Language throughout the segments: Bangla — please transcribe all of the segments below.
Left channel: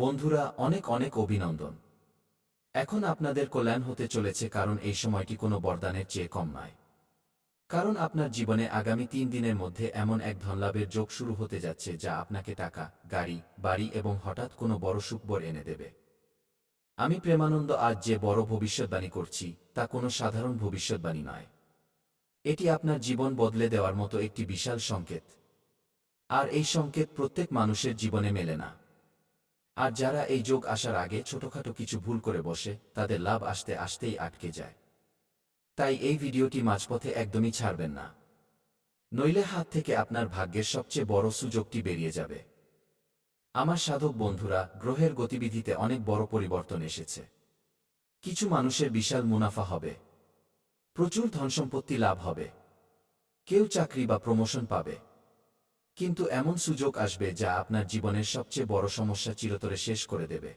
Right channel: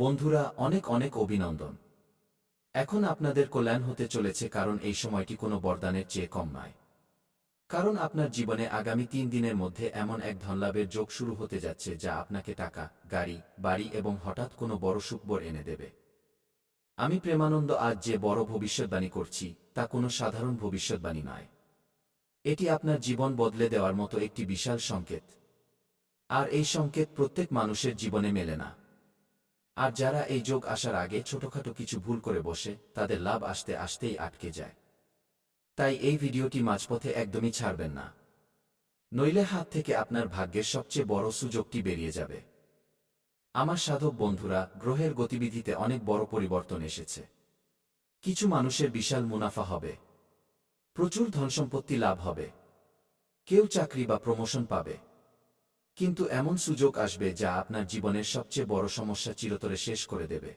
বন্ধুরা, অনেক অনেক অভিনন্দন। এখন আপনাদের কল্যাণ হতে চলেছে, কারণ এই সময়টি কোনো বরদানের চেয়ে কম নয়। কারণ আপনার জীবনে আগামী 3 দিনের মধ্যে এমন এক ধনলাভের যোগ শুরু হতে যাচ্ছে যা আপনাকে টাকা, গাড়ি, বাড়ি এবং হঠাৎ কোনো বড় সুখবর এনে দেবে। আমি প্রেমানন্দ আজ যে বড় ভবিষ্যৎবাণী করছি তা কোনো সাধারণ ভবিষ্যৎবাণী নয়। এটি আপনার জীবন বদলে দেওয়ার মতো একটি বিশাল সংকেত। আর এই সংকেত প্রত্যেক মানুষের জীবনে মেলে না। আর যারা এই যোগ আসার আগে ছোটখাটো কিছু ভুল করে বসে, তাদের লাভ আসতে আসতেই আটকে যায়। তাই এই ভিডিওটি মাঝপথে একদমই ছাড়বেন না, নইলে হাত থেকে আপনার ভাগ্যের সবচেয়ে বড় সুযোগটি বেরিয়ে যাবে। আমার সাধক বন্ধুরা, গ্রহের গতিবিধিতে অনেক বড় পরিবর্তন এসেছে। কিছু মানুষের বিশাল মুনাফা হবে, প্রচুর ধনসম্পত্তি লাভ হবে, কেউ চাকরি বা প্রমোশন পাবে। কিন্তু এমন সুযোগ আসবে যা আপনার জীবনের সবচেয়ে বড় সমস্যা চিরতরে শেষ করে দেবে।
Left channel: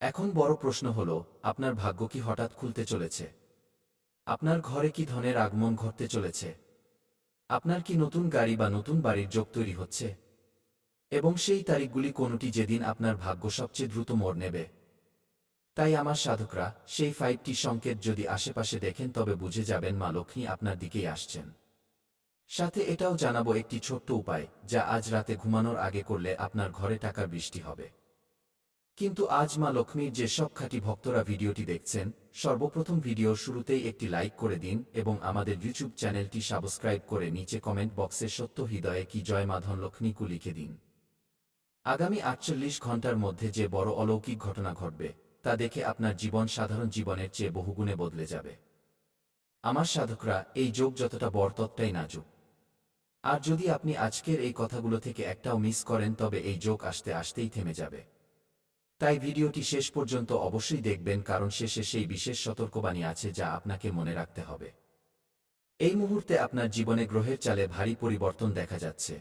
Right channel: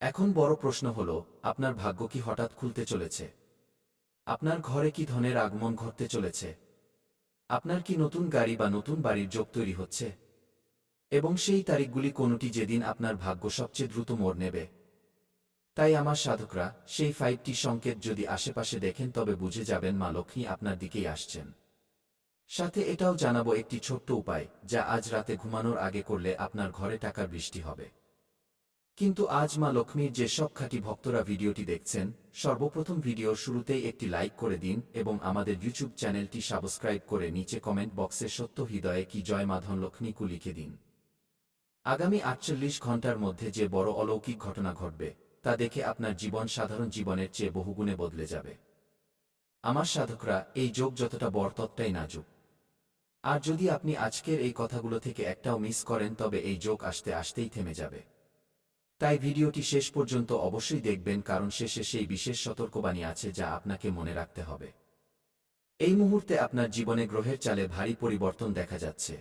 এখন বড় প্রশ্ন হল, আপনার ভাগ্য কি হঠাৎ খুলতে চলেছে? আপনার ঘরে কি ধনের আগমন ঘটতে চলেছে? আপনার কি নতুন গাড়ি বা নতুন বাড়ির যোগ তৈরি হচ্ছে? এবং সেই তারিখগুলি কোনটি যেদিন আপনার ভাগ্য সবচেয়ে দ্রুত মোড় নেবে? তাই আমার সাধকরা, সেই 5টি সংকেত যদি আশেপাশে দেখেন তবে বুঝে যাবেন মা লক্ষ্মী আপনার দিকেই আসছেন। সাথে এটাও জানাবো একটি ছোট্ট উপায় যা আজ রাতে ঘুমানোর আগে করলে আপনার ঘরে টাকার বৃষ্টি হবে। কিন্তু আজ মা লক্ষ্মীর যে সব খাঁটি ভক্তরা ভিডিওটি দেখছেন, সর্বপ্রথম ভিডিওর শুরুতেই একটি লাইক করে দিন এবং আমাদের ইউটিউব চ্যানেলটি সাবস্ক্রাইব করে নিচে কমেন্ট বক্সে সত্য হৃদয়ে কি জয় মা ধনলক্ষ্মীকু লিখে দিন। আগামী 48 ঘন্টার মধ্যে যে বড় অলৌকিক ঘটনা ঘটবে তা দেখে আপনার জীবন সাধারণ জীবনের চেয়ে বহুগুণে বদলে যাবে। আমার সাধকরা, এই যোগ যতটা বড় ততটাই নাজুক। আর যদি আপনি আজকের এই কথাগুলো থেকে একটাও মিস করেন তবে এই যোগ আসতে আসতেই থেমে যাবে। তাই ভিডিওটি শেষ পর্যন্ত অবশ্যই দেখবেন, কারণ শেষে সেই বিশেষ সতর্কবাণী আছে যা আপনাকে মনে রাখতে হবে। এই মুহূর্তে আপনার জীবনে গ্রহের চালে ভারী পরিবর্তন দেখা যাচ্ছে।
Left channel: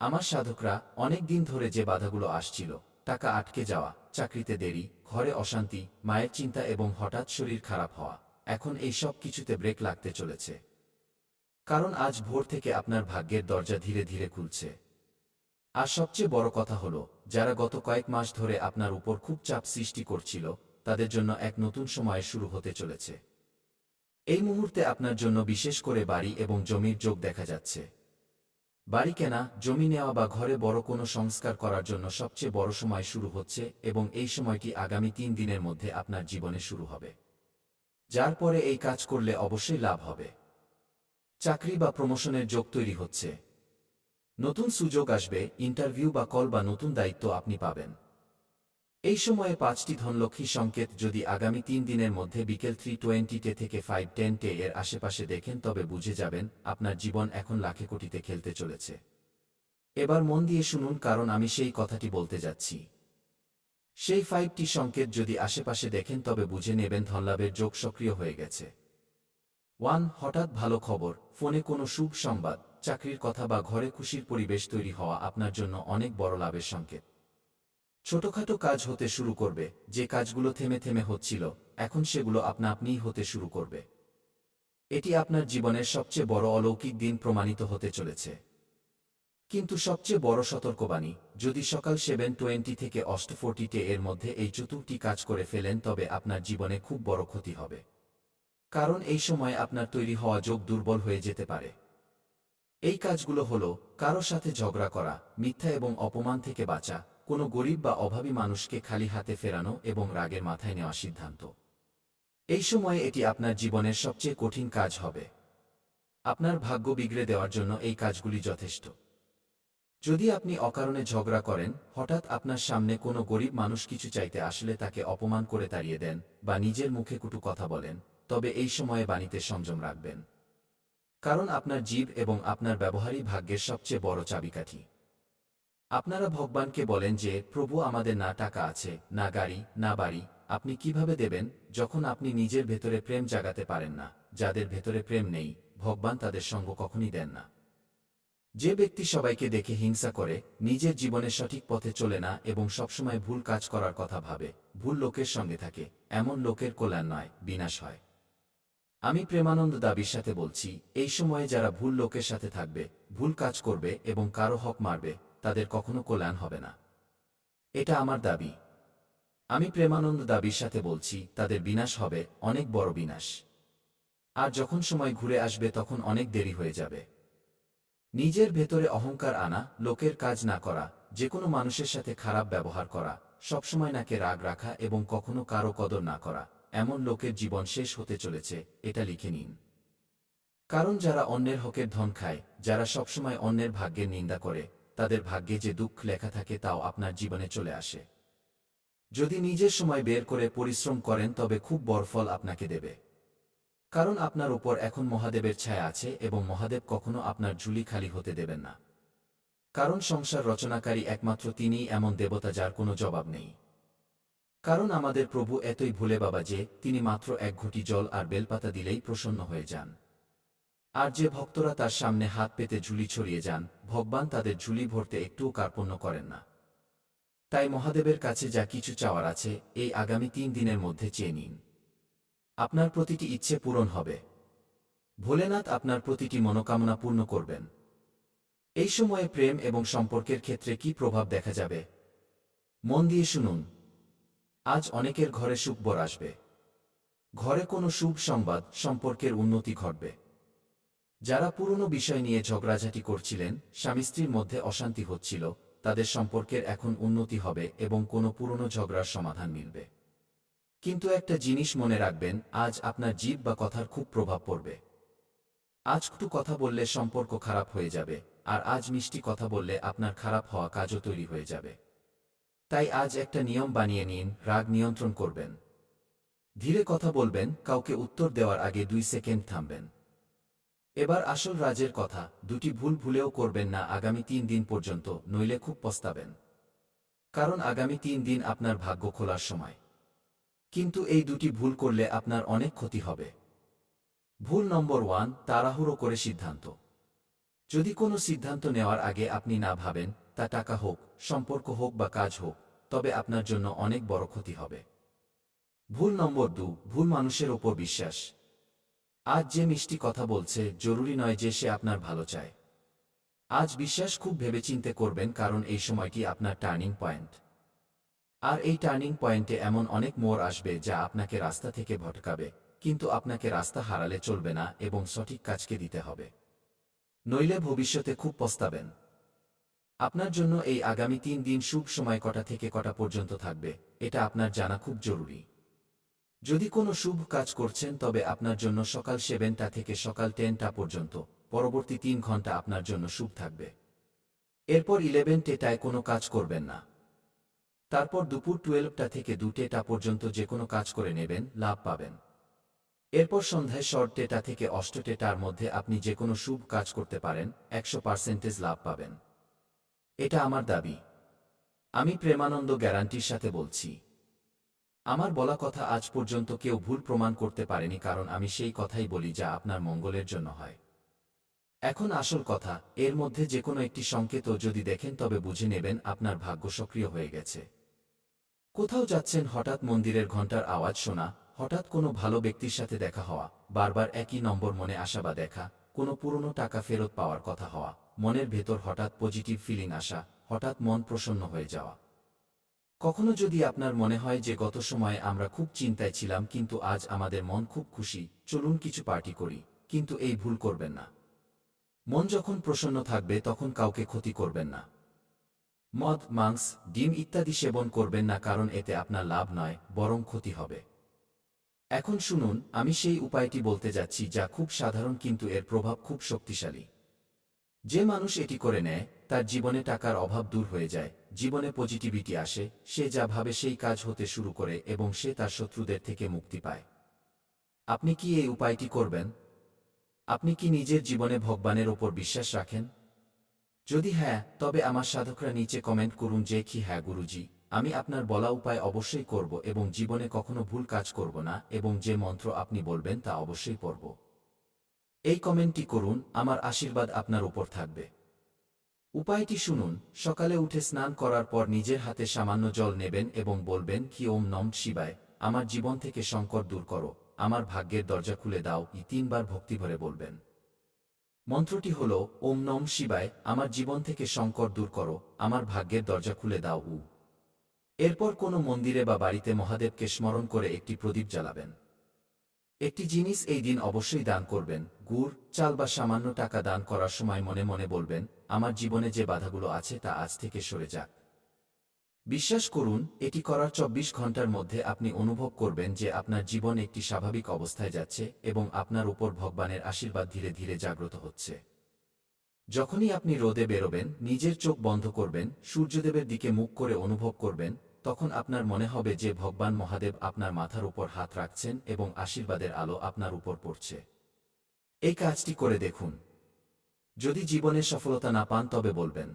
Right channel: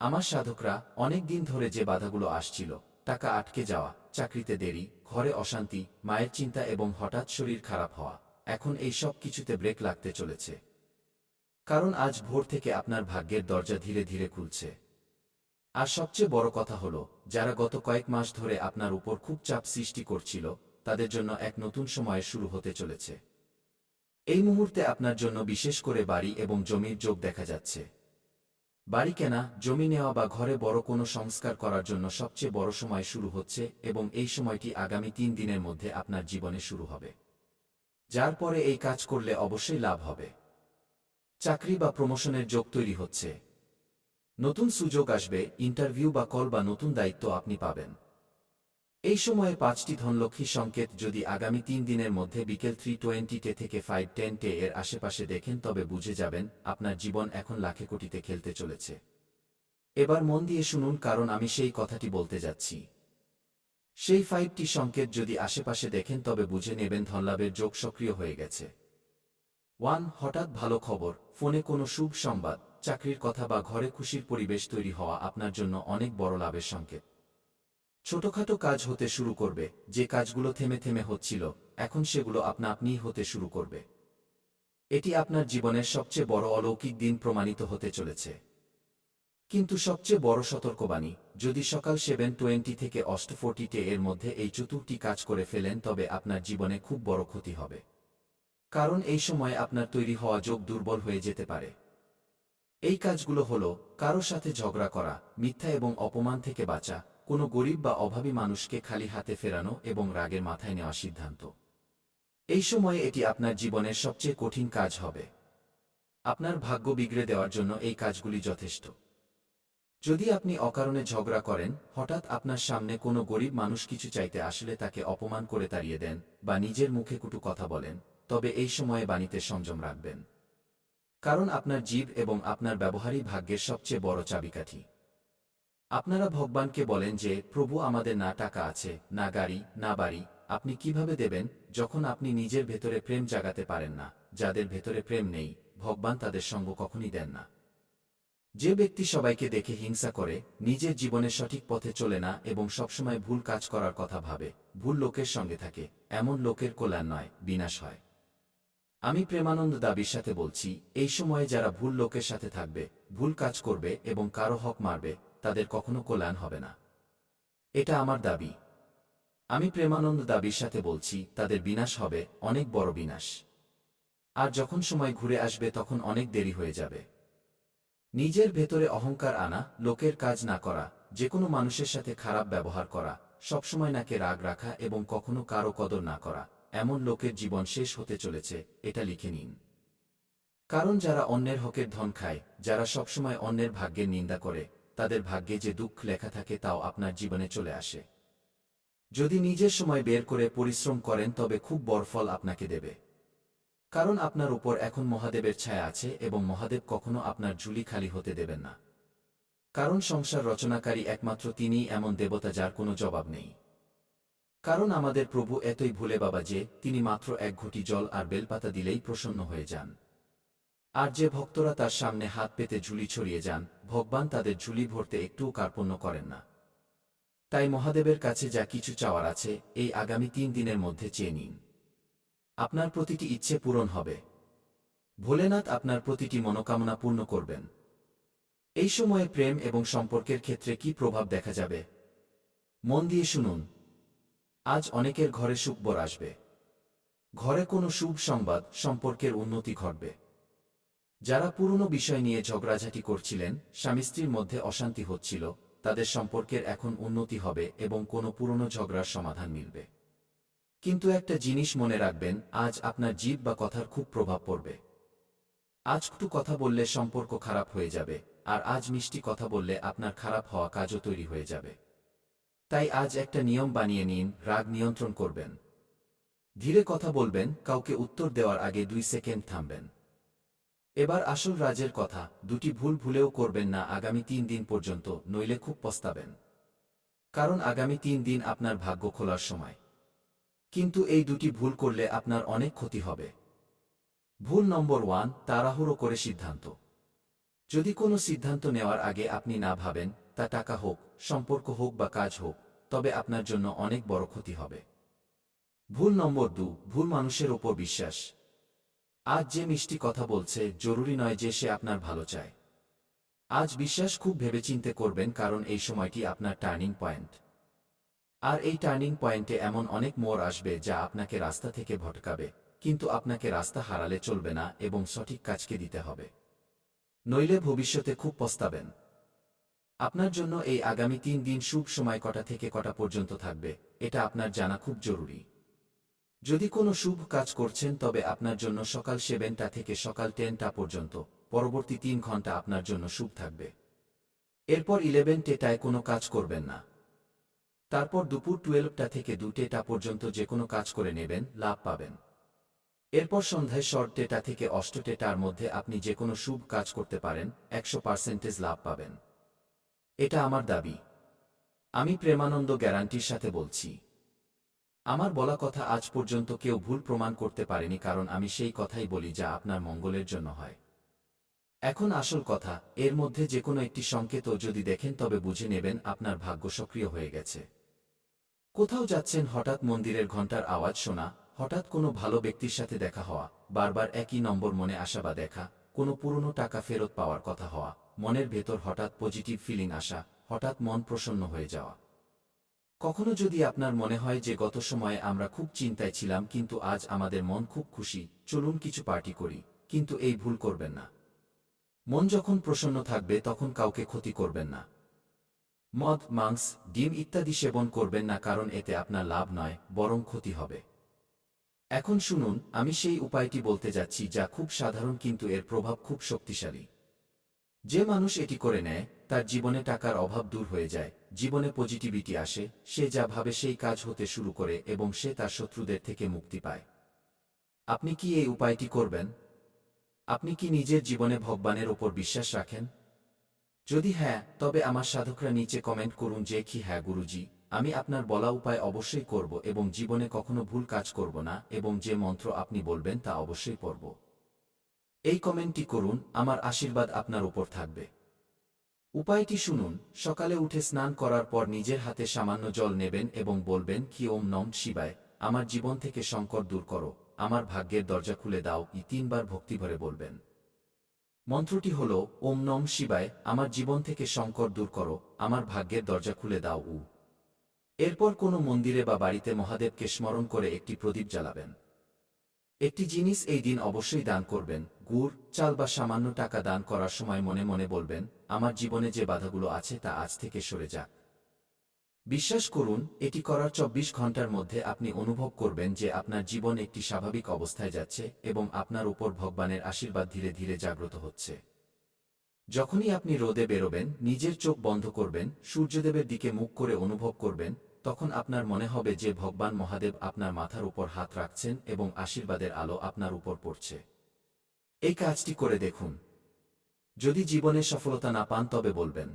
আমার সাধকরা, অনেক দিন ধরে যে বাধাগুলো আসছিল, টাকা আটকে যাওয়া, চাকরিতে দেরি, ঘরে অশান্তি, মায়ের চিন্তা এবং হঠাৎ শরীর খারাপ হওয়া, এখন এই সব কিছুতে ব্রেক লাগতে চলেছে। কারণ আজ ভোর থেকে আপনার ভাগ্যের দরজা ধীরে ধীরে খুলছে। আর সবচেয়ে বড় কথা হল, যারা গত কয়েক মাস ধরে আপনার উপর খুব চাপ সৃষ্টি করছিল, তাদের জন্য এক নতুন সময় শুরু হতে চলেছে। এই মুহূর্তে আপনার জন্য বিশেষ করে বাড়ি এবং জমির যোগ দেখা যাচ্ছে। বাড়ি কেনা, জমি নেওয়া বা ঘরে বড় কোনো সংস্কার করার জন্য সবচেয়ে বড় সময় শুরু হচ্ছে এবং এই সময়টি আগামী 3 দিনের মধ্যে আপনার জীবনে শুরু হবে। যার পরে এই কাজ করলে অবশ্যই লাভ হবে। চাকরি বা প্রমোশনের যোগ তৈরি হচ্ছে। নতুন সুযোগ আসবে, ইন্টারভিউ বা কল বা নতুন দায়িত্ব আপনি পাবেন। এই সময়ে 5টি ধনলক্ষ্মী সংকেত যদি আগামী 3 দিনের মধ্যে বিকেল 3:20 থেকে 5:10 এর আশেপাশে দেখেন তবে বুঝে যাবেন আপনার জীবন এখন লাখে কোটিতে খেলতে চলেছে। এবার মন দিয়ে শুনুন, কারণ আমি সেই কথাটি বলতে যাচ্ছি। সেই 5টি সংকেত যদি আশেপাশে দেখেন তবে বুঝে নেবেন ধনলাভের যোগ সক্রিয় হয়ে গেছে। 1. হঠাৎ ভালো খবর, ফোনে কোনো শুভ সংবাদ, চাকরির কথা বা ঘরে খুশির পরিবেশ তৈরি হওয়া আপনার জন্য অনেক বড় লাভের সংকেত। ছোটখাটো কাজ হতে শুরু করবে, যে কাজগুলো থেমে থেমে হচ্ছিল, এখন সেগুলো আপনা আপনিই হতে শুরু করবে। এটি আপনার জীবনের সবচেয়ে বড় অলৌকিক দিন প্রমাণিত হতে চলেছে। কিন্তু সবচেয়ে বড় সতর্কবাণী, যদি সকাল 7:20 থেকে 8:40 এর মধ্যে এই চতুর্থটি কাজ করে ফেলেন তবে আপনার জীবনে খুব বড় ক্ষতি হবে। কারণ এই সময় আপনার তৈরি হওয়া যোগ দুর্বল হয়ে যেতে পারে। এই কাজগুলো হল, কারো সাথে ঝগড়া করা, মিথ্যা এবং অপমান থেকে বাঁচা, কোনো গরিব বা অভাবী মানুষকে খালি হাতে ফেরানো এবং রাগের মাথায় নেওয়া সিদ্ধান্ত। এই সময়ে এটি আপনার জীবনের সবচেয়ে কঠিন কাজ হবে। আপনার ভাগ্য বিগড়ে দেওয়ার জন্য এই কাজগুলি যথেষ্ট। যদি আপনি অকারণে ঝগড়া করেন, হঠাৎ আপনার সামনে কোনো গরিব মানুষ কিছু চাইতে আসলে তাকে অপমান করে তাড়িয়ে দেন, বা নিজের মুখে কটু কথা বলেন, তবে এই সময়ে বাণীতে সংযম রাখবেন। কারণ আপনার জিভ এবং আপনার ব্যবহারই ভাগ্যের সবচেয়ে বড় চাবিকাঠি। আপনারা ভগবানকে বলেন যে, প্রভু, আমাদের না টাকা আছে, না গাড়ি, না বাড়ি, আপনি কিভাবে দেবেন? যখন আপনি নিজের ভেতরে প্রেম জাগাতে পারেন না, যাদের ভেতরে প্রেম নেই, ভগবান তাদের সঙ্গ কখনই দেন না। যে ব্যক্তি সবাইকে দেখে হিংসা করে, নিজের জীবনে সঠিক পথে চলে না এবং সবসময় ভুল কাজ করার কথা ভাবে, ভুল লোকের সঙ্গে থাকে, এমন লোকের কল্যাণ নয়, বিনাশ হয়। আমি প্রেমানন্দ দাবির সাথে বলছি, এই সময়ে যারা ভুল লোকের সাথে থাকবে, ভুল কাজ করবে এবং কারো হক মারবে, তাদের কখনো কল্যাণ হবে না। এটা আমার দাবি। আমি প্রেমানন্দ দাবির সাথে বলছি, তাদের বিনাশ হবে, অনেক বড় বিনাশ। আর যখন সময় ঘুরে আসবে তখন অনেক দেরি হয়ে যাবে। নিজের ভেতরে অহংকার আনা, লোকের কাজ না করা, যে কোনো মানুষের সাথে খারাপ ব্যবহার করা, সবসময় নাকে রাগ রাখা এবং কখনো কারো কদর না করা, এমন লোকের জীবন শেষ হতে চলেছে, এটা লিখে নিন। কারণ যারা অন্যের হকের ধন খায়, যারা সবসময় অন্যের ভাগ্যের নিন্দা করে, তাদের ভাগ্যে যে দুঃখ লেখা থাকে তাও আপনার জীবনে চলে আসে। যদি নিজের সময় বের করে পরিশ্রম করেন তবে খুব বড় ফল আপনাকে দেবে। কারণ আপনার ওপর এখন মহাদেবের ছায়া আছে এবং মহাদেব কখনো আপনার ঝুলি খালি হতে দেবেন না। কারণ সংসার রচনাকারী একমাত্র তিনিই এমন দেবতা যার কোনো জবাব নেই। কারণ আমাদের প্রভু এতই ভুলে বাবা যে তিনি মাত্র এক ঘটি জল আর বেলপাতা দিলেই প্রসন্ন হয়ে যান। আর যে ভক্তরা তার সামনে হাত পেতে ঝুলি ছড়িয়ে যান, ভগবান তাদের ঝুলি ভরতে একটুও কার্পণ্য করেন না। তাই মহাদেবের কাছে যা কিছু চাওয়ার আছে, এই আগামী 3 দিনের মধ্যে চেয়ে নিন। আপনার প্রতিটি ইচ্ছে পূরণ হবে। ভোলেনাথ আপনার প্রতিটি মনোকামনা পূর্ণ করবেন। এই সময়ে প্রেম এবং সম্পর্কের ক্ষেত্রে কি প্রভাব দেখা যাবে? মন দিয়ে শুনুন। আজ অনেকের ঘরে সুখবর আসবে। ঘরে কোনো শুভ সংবাদ, সম্পর্কের উন্নতি ঘটবে। যারা পুরনো বিষয় নিয়ে ঝগড়াঝাটি করছিলেন, স্বামী স্ত্রীর মধ্যে অশান্তি হচ্ছিল, তাদের সম্পর্কের এখন উন্নতি হবে এবং কোনো পুরনো ঝগড়ার সমাধান মিলবে। কিন্তু একটা জিনিস মনে রাখবেন, আজ আপনার জিভ বা কথার খুব প্রভাব পড়বে। আজ একটু কথা বললে সম্পর্ক খারাপ হয়ে যাবে, আর আজ মিষ্টি কথা বললে আপনার খারাপ হওয়া কাজও তৈরি হয়ে যাবে। তাই আজ একটা নিয়ম বানিয়ে নিন, রাগ নিয়ন্ত্রণ করবেন। ধীরে কথা বলবেন, কাউকে উত্তর দেওয়ার আগে 2 সেকেন্ড থামবেন। এবার আসল রাজের কথা, দুটি ভুল ভুলেও করবেন না আগামী 3 দিন পর্যন্ত, নইলে খুব পস্তাবেন। কারণ আগামী 3 দিন আপনার ভাগ্য খোলার সময়। কিন্তু এই দুটি ভুল করলে আপনার অনেক ক্ষতি হবে। ভুল নম্বর 1, তাড়াহুড়ো করে সিদ্ধান্ত। যদি কোনো সিদ্ধান্ত নেওয়ার আগে আপনি না ভাবেন, তা টাকা হোক, সম্পর্ক হোক বা কাজ হোক, তবে আপনার জন্য অনেক বড় ক্ষতি হবে। ভুল নম্বর 2, ভুল মানুষের ওপর বিশ্বাস। আজ যে মিষ্টি কথা বলছে, জরুরি নয় যে সে আপনার ভালো চায়। আজ বিশ্বাস খুব ভেবেচিন্তে করবেন, কারণ এই সময়টি আপনার টার্নিং পয়েন্ট। আর এই টার্নিং পয়েন্টে এমন অনেক মোড় আসবে যা আপনাকে রাস্তা থেকে ভটকাবে, কিন্তু আপনাকে রাস্তা হারালে চলবে না এবং সঠিক কাজকে দিতে হবে। নইলে ভবিষ্যতে খুব পস্তাবেন। আপনার জন্য এই আগামী 3 দিন শুভ সময় কটা থেকে কটা পর্যন্ত থাকবে, এটা আপনার জানা খুব জরুরি। যদি কোনো শুভ কাজ করছেন তবে আপনার জন্য সকাল 7টা থেকে সকাল 10টা পর্যন্ত, পরবর্তী 3 ঘন্টা আপনার জন্য শুভ থাকবে। এরপর 11টায় কোনো কাজ করবেন না। তারপর দুপুর 12টা থেকে 2টা পর্যন্ত যে কোনো কাজ করে নেবেন, লাভ পাবেন। এরপর সন্ধ্যায় 6টা থেকে 8টার মধ্যে আপনি যে কোনো শুভ কাজ করতে পারেন, 100% লাভ পাবেন। এটা আমার দাবি। আমি প্রেমানন্দ গ্যারান্টির সাথে বলছি। আমার বলা কথা আজ পর্যন্ত কেউ ভুল প্রমাণ করতে পারেনি, কারণ আমি সেই কথাই বলি যা আপনার মঙ্গলের জন্য হয়। এখন আসল কথা, এর মধ্যে যে কোনো একটি সংকেতও যদি দেখেন তবে বুঝে নেবেন আপনার ভাগ্য সক্রিয় হয়ে গেছে। কোথাও যাচ্ছেন, হঠাৎ মন্দিরের ঘণ্টার আওয়াজ শোনা, হঠাৎ কোনো ভালো ব্যক্তির সাথে দেখা হওয়া, বারবার একই নম্বর মনে আসা বা দেখা, কোনো পুরনো টাকা ফেরত পাওয়ার কথা হওয়া, মনের ভেতর হঠাৎ পজিটিভ ফিলিং আসা, হঠাৎ মন প্রসন্ন হয়ে যাওয়া। কখনো যদি আপনার মনে হয় যে গত সময়ে আমরা খুব চিন্তায় ছিলাম কিন্তু আজ আমাদের মন খুব খুশি, চলুন কিছু পার্টি করি, কিন্তু এই ভুল করবেন না। মন যখন প্রসন্ন থাকবে তখন কাউকে ক্ষতি করবেন না। মদ, মাংস, ডিম ইত্যাদি সেবন করবেন না, কারণ এতে আপনার লাভ নয়, বরং ক্ষতি হবে। এখন শুনুন, আমি সেই উপায়টি বলতে যাচ্ছি যা খুব সাধারণ কিন্তু এর প্রভাব খুব শক্তিশালী। যে মানুষ এটি করে নেয়, তার জীবনে টাকার অভাব দূর হয়ে যায়, জীবনে পজিটিভিটি আসে, সে যা ভাবে সেই কাজ হতে শুরু করে এবং সে তার শত্রুদের থেকে মুক্তি পায়। আপনি কি এই উপায়টি করবেন? আপনি কি নিজের জীবনে ভগবানের ওপর বিশ্বাস রাখেন? যদি হ্যাঁ, তবে আমার সাধকরা নিচে কমেন্ট করুন যে কি হ্যাঁ গুরুজি, আমি আপনার বলা উপায় অবশ্যই করব এবং জীবনে কখনো ভুল কাজ করব না এবং যে মন্ত্র আপনি বলবেন তা অবশ্যই পড়ব। এই কমেন্টটি করুন, আমার আশীর্বাদ আপনার উপর থাকবে। উপায়টি শুনুন, সকালে উঠে স্নান করার পর নিজের হাতে সামান্য জল নেবেন এবং বলবেন কি ওম নম শিবায়, আমার জীবন থেকে সংকট দূর করো, আমার ভাগ্যের দরজা খুলে দাও, 3বার ভক্তিভরে বলবেন। মন্ত্রটি হল ওম নম শিবায়, আমার জীবন থেকে সংকট দূর করো, আমার ভাগ্যের দরজা খুলে দাও। এরপর কোনো মন্দিরে বা বাড়িতে মহাদেবকে স্মরণ করে একটি প্রদীপ জ্বালাবেন। একটি জিনিস এই দিন অবশ্যই দান করবেন, গুড়, চাল বা সামান্য টাকা দান করার সময় মনে মনে বলবেন, আমার জীবনে যে বাধাগুলো আছে তা আজ থেকে সরে যাক। বিশ্বাস করুন, এটি করার ২৪ ঘন্টার মধ্যে আপনি অনুভব করবেন যে আপনার জীবন একটি স্বাভাবিক অবস্থায় যাচ্ছে এবং আপনার উপর ভগবানের আশীর্বাদ ধীরে ধীরে জাগ্রত হচ্ছে। যখনই আপনি রোদে বেরোবেন, নিজের চোখ বন্ধ করবেন, সূর্যদেবের দিকে মুখ করে অনুভব করবেন, তখন আপনার মনে হবে যে ভগবান মহাদেব আপনার মাথার উপর হাত রাখছেন এবং আশীর্বাদের আলো আপনার উপর পড়ছে। এই কাজটি করে দেখুন। যদি জীবনে সফলতা না পান তবে বলবেন।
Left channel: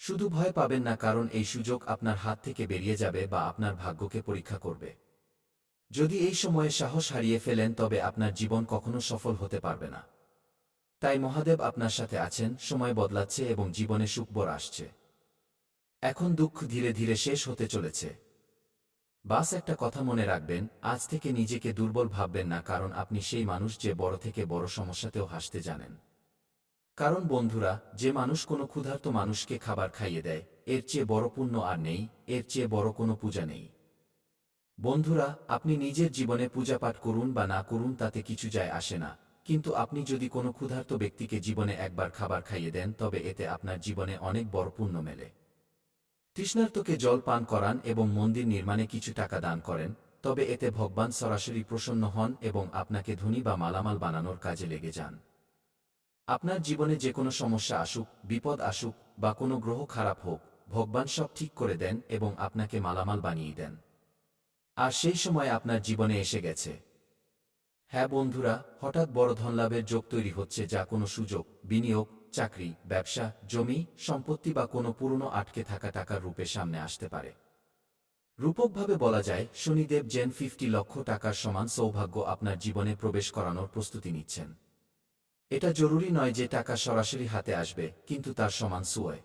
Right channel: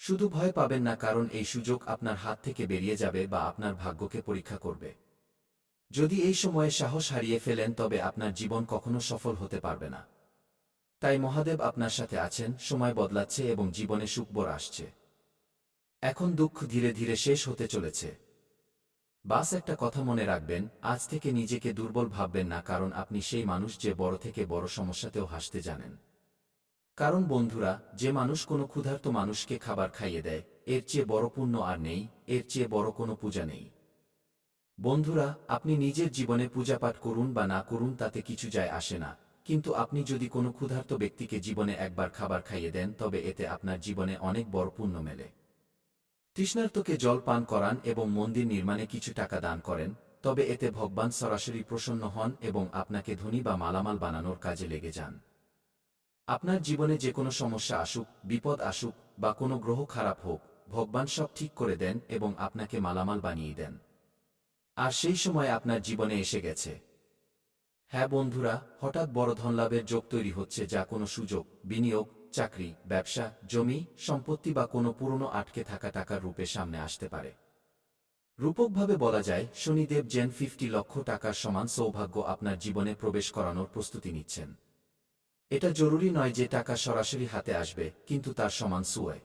শুধু ভয় পাবেন না, কারণ এই সুযোগ আপনার হাত থেকে বেরিয়ে যাবে বা আপনার ভাগ্যকে পরীক্ষা করবে। যদি এই সময়ে সাহস হারিয়ে ফেলেন তবে আপনার জীবন কখনো সফল হতে পারবে না। তাই মহাদেব আপনার সাথে আছেন, সময় বদলাচ্ছে এবং জীবনে সুখবর আসছে। এখন দুঃখ ধীরে ধীরে শেষ হতে চলেছে। বাস একটা কথা মনে রাখবেন, আজ থেকে নিজেকে দুর্বল ভাববেন না, কারণ আপনি সেই মানুষ যে বড় থেকে বড় সমস্যাতেও হাসতে জানেন। কারণ বন্ধুরা, যে মানুষ কোনো ক্ষুধার্ত মানুষকে খাবার খাইয়ে দেয়, এর চেয়ে বড় পুণ্য আর নেই, এর চেয়ে বড় কোনো পূজা নেই। বন্ধুরা, আপনি নিজের জীবনে পূজাপাঠ করুন বা না করুন তাতে কিছু যায় আসে না, কিন্তু আপনি যদি কোনো ক্ষুধার্ত ব্যক্তিকে জীবনে একবার খাবার খাইয়ে দেন তবে এতে আপনার জীবনে অনেক বড় পুণ্য মেলে। তৃষ্ণার্তকে জল পান করান এবং মন্দির নির্মাণে কিছু টাকা দান করেন, তবে এতে ভগবান সরাসরি প্রসন্ন হন এবং আপনাকে ধনী বা মালামাল বানানোর কাজে লেগে যান। আপনার জীবনে যে কোনো সমস্যা আসুক, বিপদ আসুক বা কোনো গ্রহ খারাপ হোক, ভগবান সব ঠিক করে দেন এবং আপনাকে মালামাল বানিয়ে দেন। আর সেই সময় আপনার জীবনে এসে গেছে। হ্যাঁ বন্ধুরা, হঠাৎ বড় ধনলাভের যোগ তৈরি হচ্ছে, যা কোনো সুযোগ, বিনিয়োগ, চাকরি, ব্যবসা, জমি, সম্পত্তি বা কোনো পুরনো আটকে থাকা টাকার রূপে সামনে আসতে পারে। রূপকভাবে বলা যায়, শনিদেব যেন 50 লক্ষ টাকার সমান সৌভাগ্য আপনার জীবনে প্রবেশ করানোর প্রস্তুতি নিচ্ছেন। এটা জরুরি নয় যে টাকা সরাসরি হাতে আসবে, কিন্তু তার সমান সুয়